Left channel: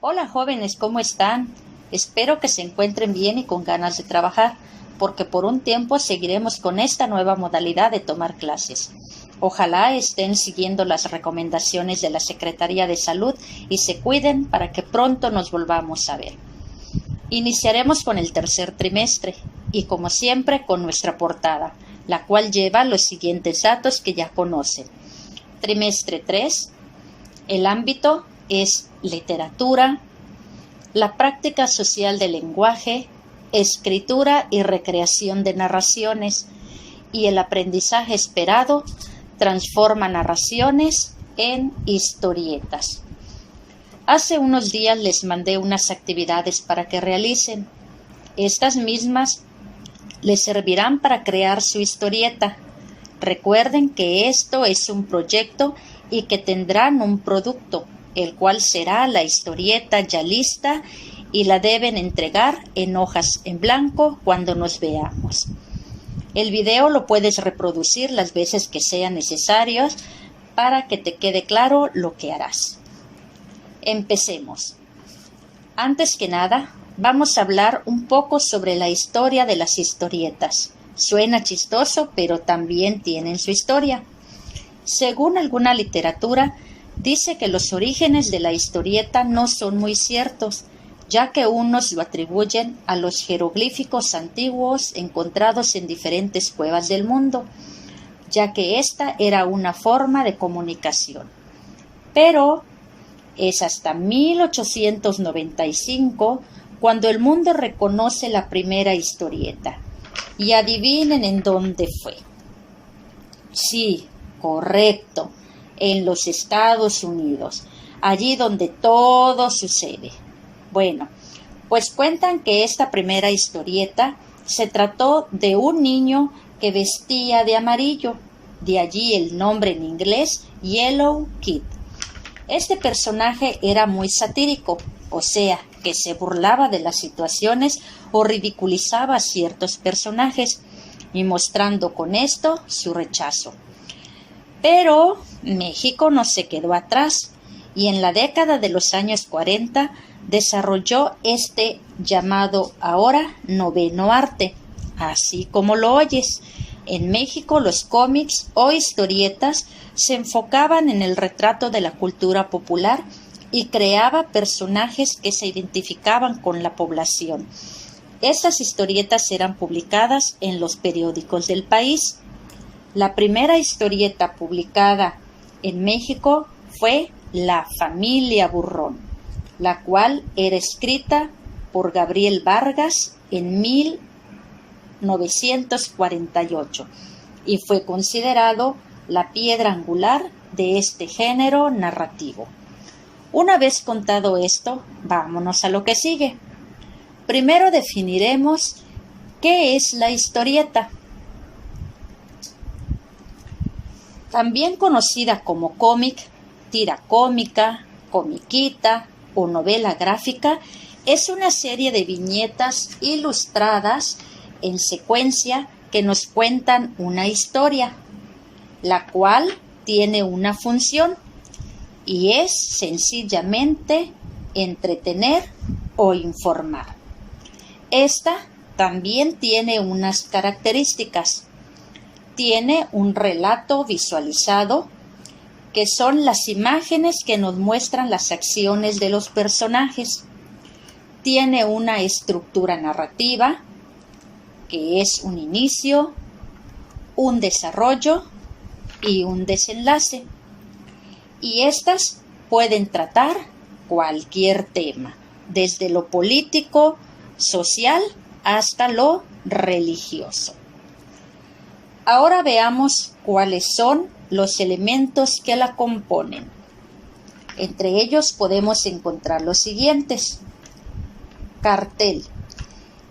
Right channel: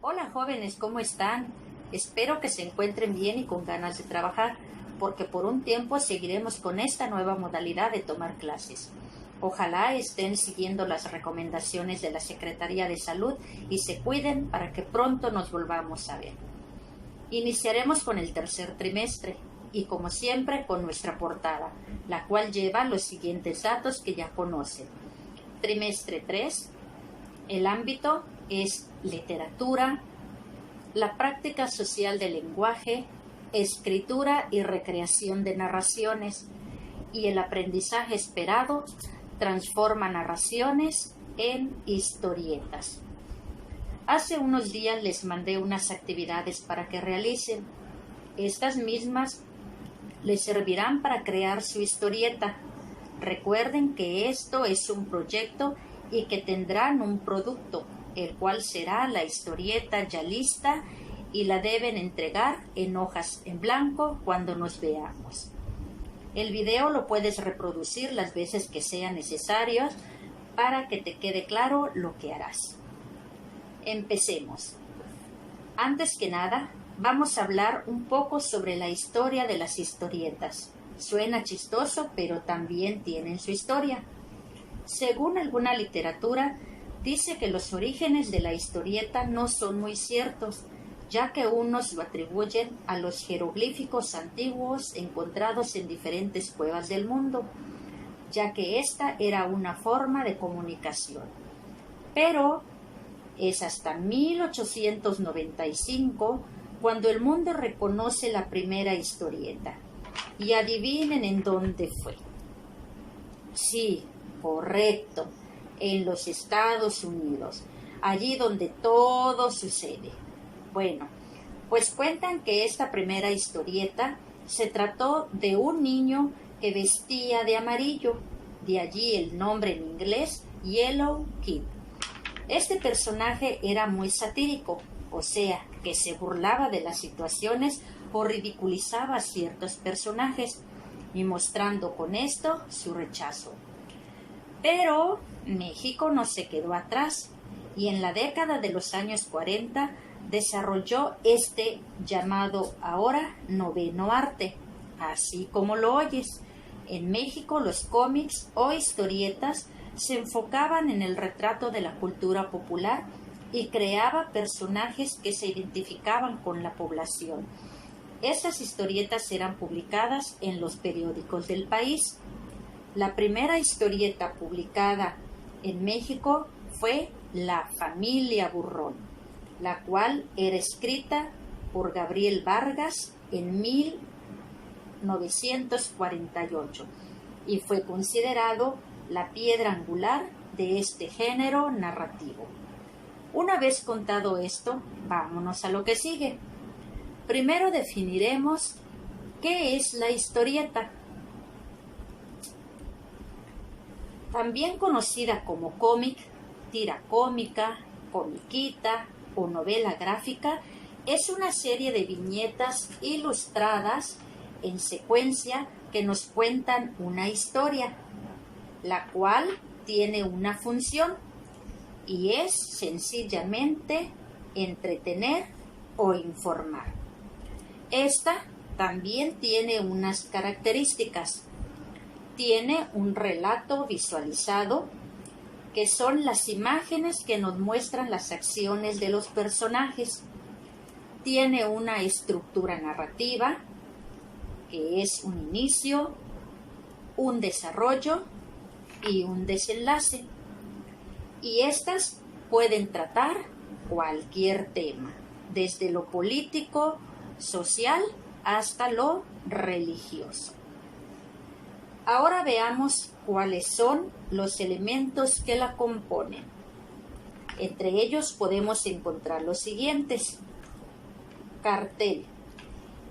Hola jóvenes, ¿cómo están? Espero que se encuentren bien y con ganas de trabajar, porque por un tiempo seguiremos con esta nueva modalidad de tomar clases. Ojalá estén siguiendo las recomendaciones de la Secretaría de Salud y se cuiden para que pronto nos volvamos a ver. Iniciaremos con el tercer trimestre y como siempre con nuestra portada, la cual lleva los siguientes datos que ya conocen. Trimestre 3, el ámbito es literatura, la práctica social del lenguaje, escritura y recreación de narraciones, y el aprendizaje esperado transforma narraciones en historietas. Hace unos días les mandé unas actividades para que realicen. Estas mismas les servirán para crear su historieta. Recuerden que esto es un proyecto y que tendrán un producto, el cual será la historieta ya lista y la deben entregar en hojas en blanco cuando nos veamos. El video lo puedes reproducir las veces que sean necesarios para que te quede claro lo que harás. Empecemos. Antes que nada, vamos a hablar un poco sobre la historia de las historietas. Suena chistoso, pero también tienen su historia. Según alguna literatura, dice que los orígenes de la historieta no son muy ciertos, ya que unos lo atribuyen a los jeroglíficos antiguos encontrados en diferentes cuevas del mundo, ya que esta era una forma de comunicación. Pero es hasta 1895 cuando el mundo reconoce la primera historieta. Y adivinen en dónde fue. Sí, correcto, en los Estados Unidos, allí donde todo sucede. Bueno, pues cuentan que esta primera historieta se trató de un niño que vestía de amarillo, de allí el nombre en inglés Yellow Kid. Este personaje era muy satírico, o sea, que se burlaba de las situaciones o ridiculizaba a ciertos personajes, y mostrando con esto su rechazo. Pero México no se quedó atrás y en la década de los años 40 desarrolló este llamado ahora noveno arte, así como lo oyes. En México los cómics o historietas se enfocaban en el retrato de la cultura popular y creaba personajes que se identificaban con la población. Estas historietas eran publicadas en los periódicos del país. La primera historieta publicada en México fue La familia Burrón, la cual era escrita por Gabriel Vargas en 1948 y fue considerado la piedra angular de este género narrativo. Una vez contado esto, vámonos a lo que sigue. Primero definiremos qué es la historieta. También conocida como cómic, tira cómica, comiquita o novela gráfica, es una serie de viñetas ilustradas en secuencia que nos cuentan una historia, la cual tiene una función y es sencillamente entretener o informar. Esta también tiene unas características. Tiene un relato visualizado, que son las imágenes que nos muestran las acciones de los personajes. Tiene una estructura narrativa, que es un inicio, un desarrollo y un desenlace. Y estas pueden tratar cualquier tema, desde lo político, social, hasta lo religioso. Ahora veamos cuáles son los elementos que la componen. Entre ellos podemos encontrar los siguientes. Cartel.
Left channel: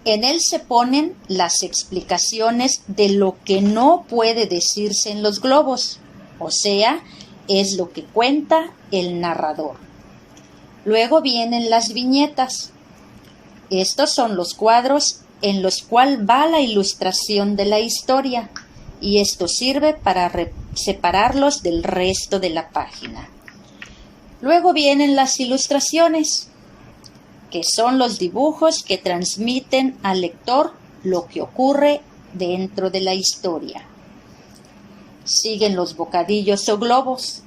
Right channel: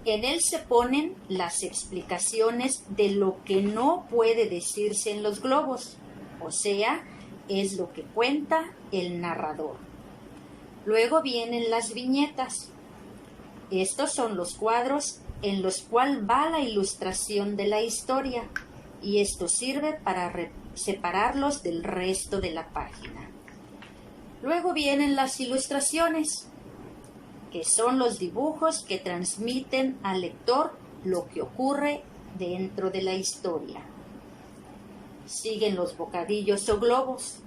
En él se ponen las explicaciones de lo que no puede decirse en los globos, o sea, es lo que cuenta el narrador. Luego vienen las viñetas. Estos son los cuadros en los cuales va la ilustración de la historia, y esto sirve para separarlos del resto de la página. Luego vienen las ilustraciones. que son los dibujos que transmiten al lector lo que ocurre dentro de la historia. Siguen los bocadillos o globos.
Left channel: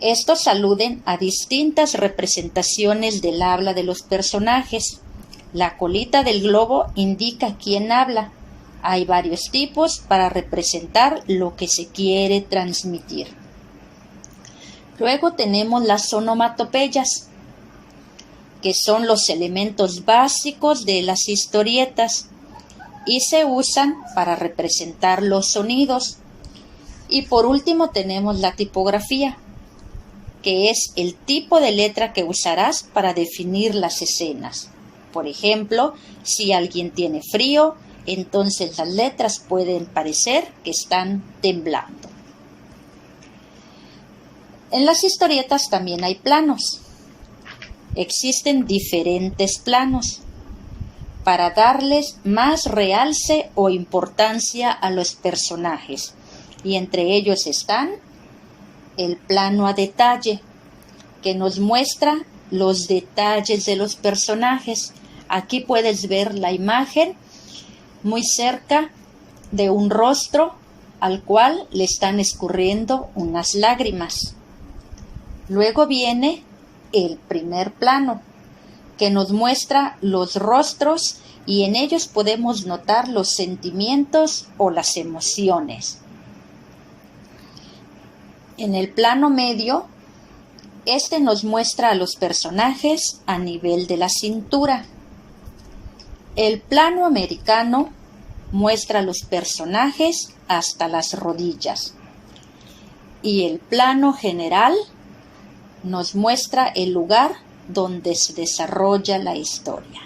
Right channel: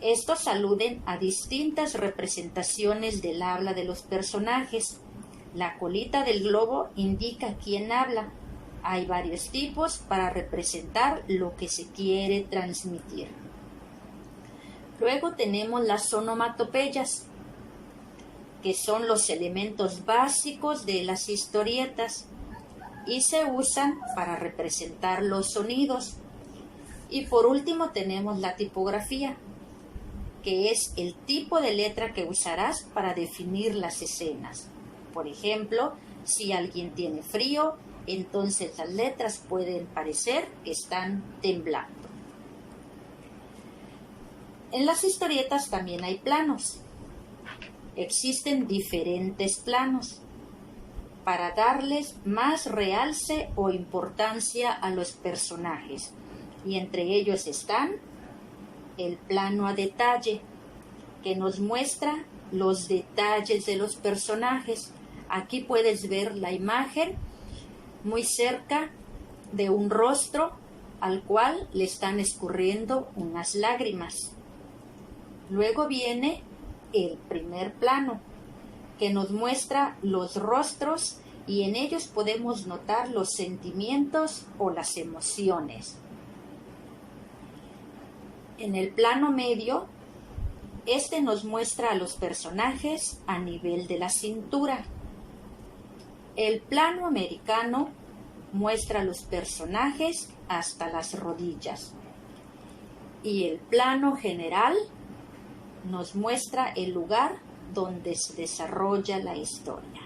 Estos aluden a distintas representaciones del habla de los personajes. La colita del globo indica quién habla. Hay varios tipos para representar lo que se quiere transmitir. Luego tenemos las onomatopeyas, que son los elementos básicos de las historietas y se usan para representar los sonidos. Y por último tenemos la tipografía, que es el tipo de letra que usarás para definir las escenas. Por ejemplo, si alguien tiene frío, entonces las letras pueden parecer que están temblando. En las historietas también hay planos. Existen diferentes planos para darles más realce o importancia a los personajes, y entre ellos están el plano a detalle, que nos muestra los detalles de los personajes. Aquí puedes ver la imagen muy cerca de un rostro al cual le están escurriendo unas lágrimas. Luego viene el primer plano, que nos muestra los rostros y en ellos podemos notar los sentimientos o las emociones. En el plano medio, este nos muestra a los personajes a nivel de la cintura. El plano americano muestra a los personajes hasta las rodillas. Y el plano general nos muestra el lugar donde se desarrolla la historia.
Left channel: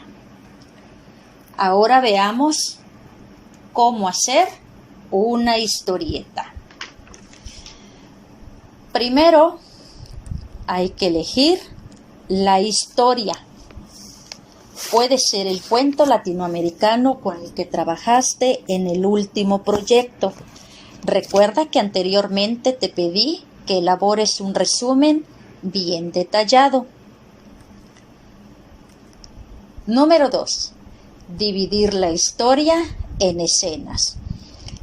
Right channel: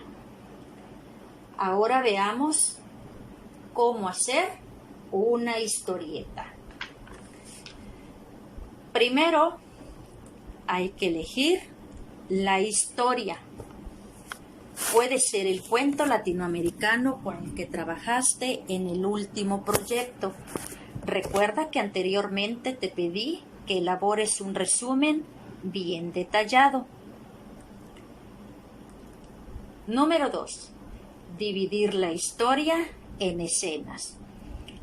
Ahora veamos cómo hacer una historieta. Primero, hay que elegir la historia. Puede ser el cuento latinoamericano con el que trabajaste en el último proyecto. Recuerda que anteriormente te pedí que elabores un resumen bien detallado. Número 2. Dividir la historia en escenas.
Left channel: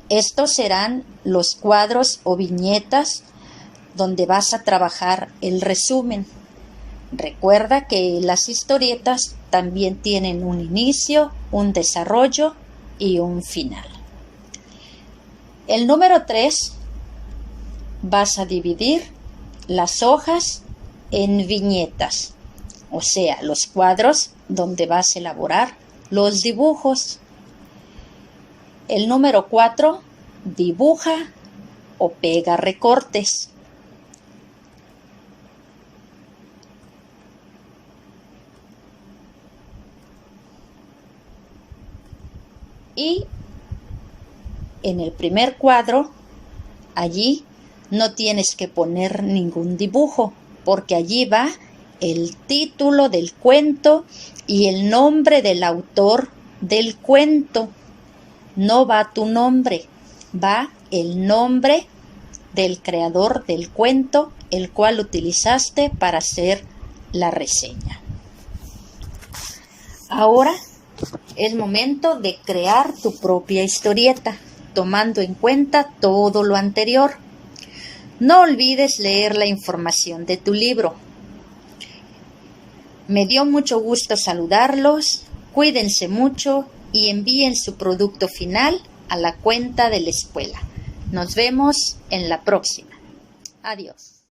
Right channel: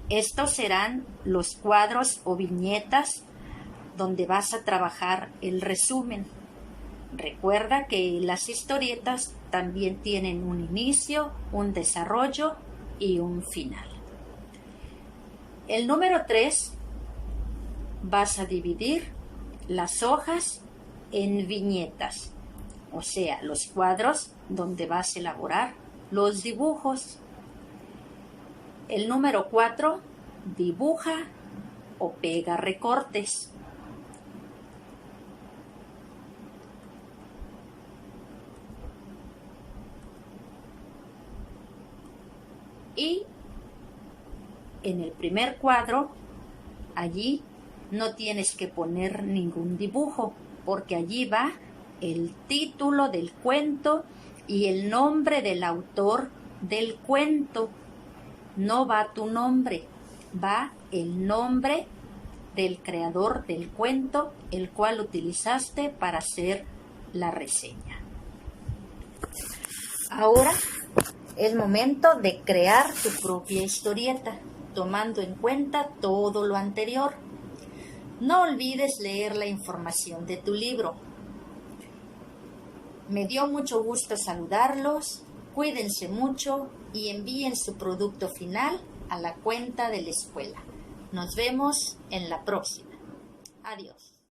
Estos serán los cuadros o viñetas donde vas a trabajar el resumen. Recuerda que las historietas también tienen un inicio, un desarrollo y un final. El número 3, vas a dividir las hojas en viñetas, o sea, los cuadros donde vas a elaborar los dibujos. El número 4, dibuja o pega recortes. Y en el primer cuadro, allí no tienes que poner ningún dibujo, porque allí va el título del cuento y el nombre del autor del cuento. No va tu nombre, va el nombre del creador del cuento, el cual utilizaste para hacer la reseña. Ahora es momento de crear tu propia historieta, tomando en cuenta todo lo anterior. No olvides leer la información de tu libro. Me dio mucho gusto saludarlos, cuídense mucho y envíen su producto final a la cuenta de la escuela. Nos vemos en la próxima. Adiós.